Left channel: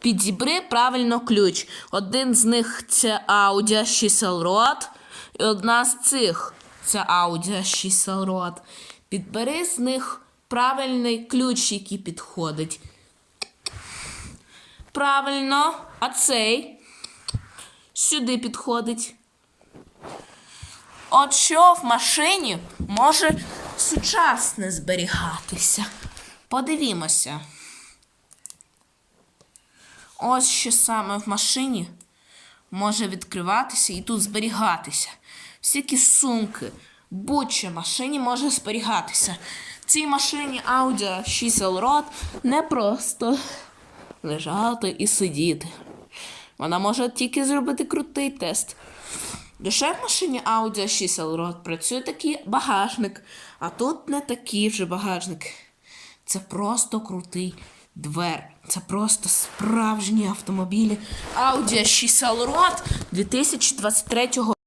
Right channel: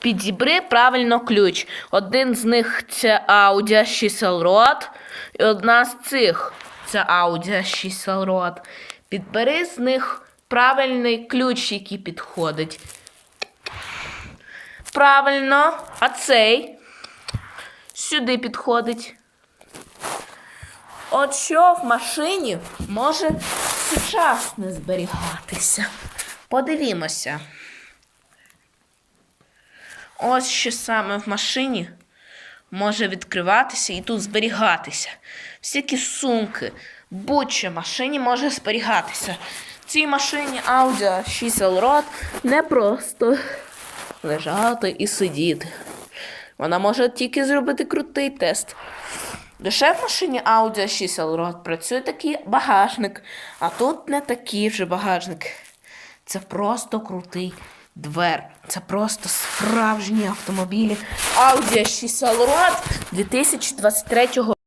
Підібри правильно ключ. Один з них це Audi 6 Rod, і одна з цих це Audi 6 Rod. Підбери з них правильний ключ, який підходить. Правильно, а цей сюди підходить. От що в машині може сучасне зберігатися. Подивімося. Ось що саме в машині може відкриватися і тут зберігатися. Всякі сумки, будь-що машині може зберігатися. В цій машині Audi 6 Allroad не просто лежати і сидіти. Вона може тільки зробити крутий тест. Лише в машині Audi 6 Allroad працює такий багажник, а тут не такий вже багажник. Це просто крутий двер. Це просто справжні автомобілі Audi 6 Allroad 2023